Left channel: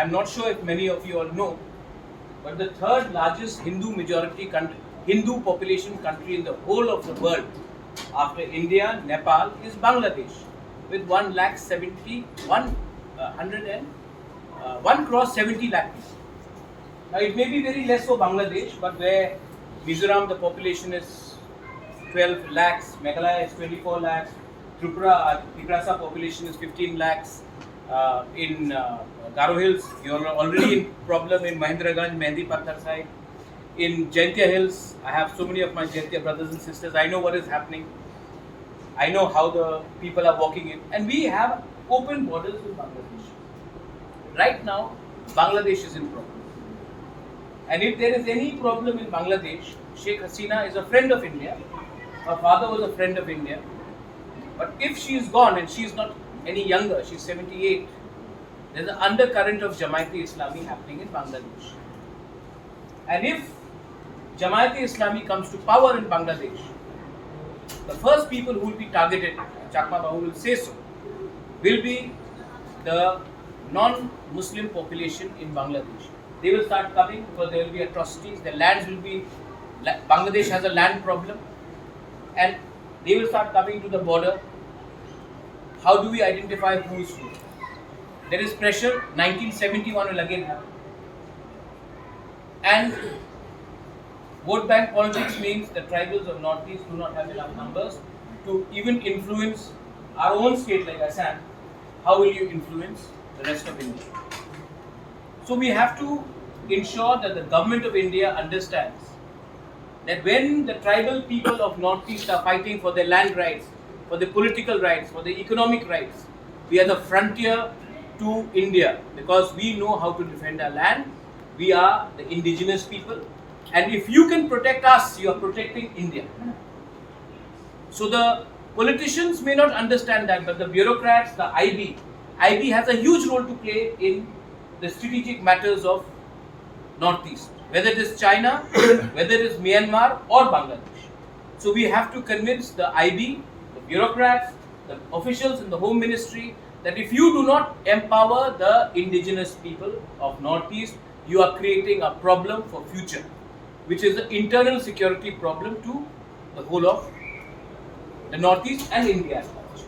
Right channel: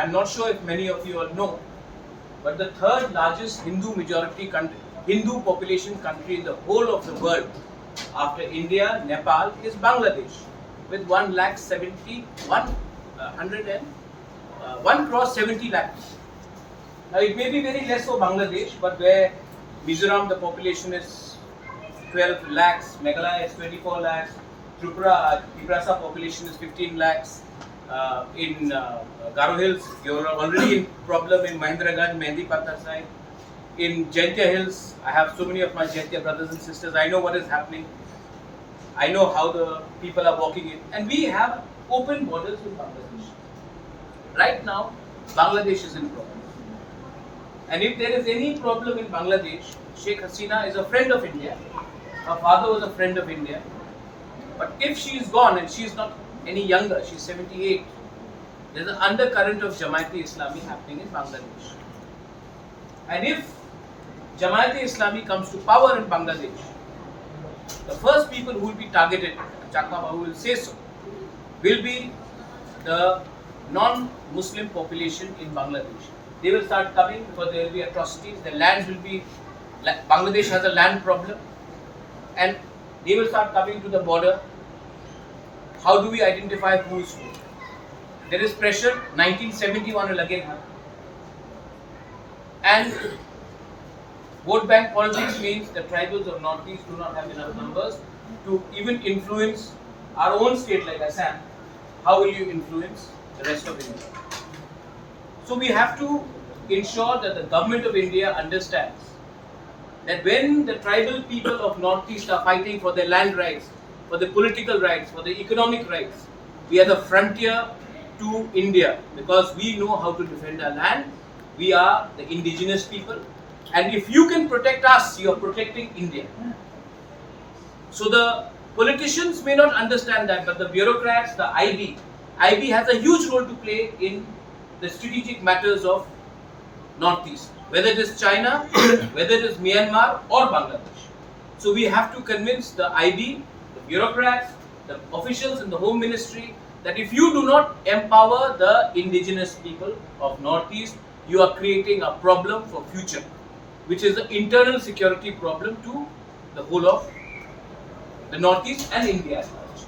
I'm not sure if many of you all know, but the third largest Hindu population country in the whole of the world after India, Nepal is Bangladesh with 1 crore 70 lakh. Now it may be very less for Bangladesh, but where Mizoram the population is 12 lakhs, Meghalaya is 24 lakhs, Triprasa population is 15 lakhs. In Garo Hills, you're already in problem in Mahendraganj, Mehndi Pathar side. In Jaintia Hills, I have so many of my Jaintia brothers and sisters. I know what is happening. I know how the people are walking in. And we have open borders with Bangladesh. Right now, Bangladesh is in problem. And if there is any problem in Bangladesh, Sheikh Hasina is a friend of India. Her father was a friend of India. But if she is gone and she is not any younger, she's 78, there's an undercurrent of Jamaat-e-Islami happening in Bangladesh. And if Jamaat-e-Islami comes to power in Bangladesh, the first people who will be targeted, Chakma Babu will say so, will be the non-Muslim population in Bangladesh. They will start coming because there will be atrocities, the lands will be, Bangladesh has a land problem, and they will start coming to the border. How do we identify who is who? There is pressure, 1971 will again happen. And vote bank politics means the tribals of Northeast do not have enough numbers to even influence our own state like Assam. How will you influence the rest of India? So we have to ensure that the government of India understands that when the tribal people of Northeast are fighting for their land rights, for the political rights, for the economic rights, we are the frontier to India because we know how to defend our land. We are the indigenous people, and if you can protect us, you are protecting India. So the politicians may not understand that, but the bureaucrats, the IB has a huge role to play in the strategic matters of Northeast, whether it is China, whether it is Myanmar or Bangladesh. So we have to convince the IB, the bureaucrats, the officials in the Home Ministry that if you do not empower the indigenous people of Northeast, you are creating a problem for future, which is an internal security problem to the whole of the Northeast and India as such.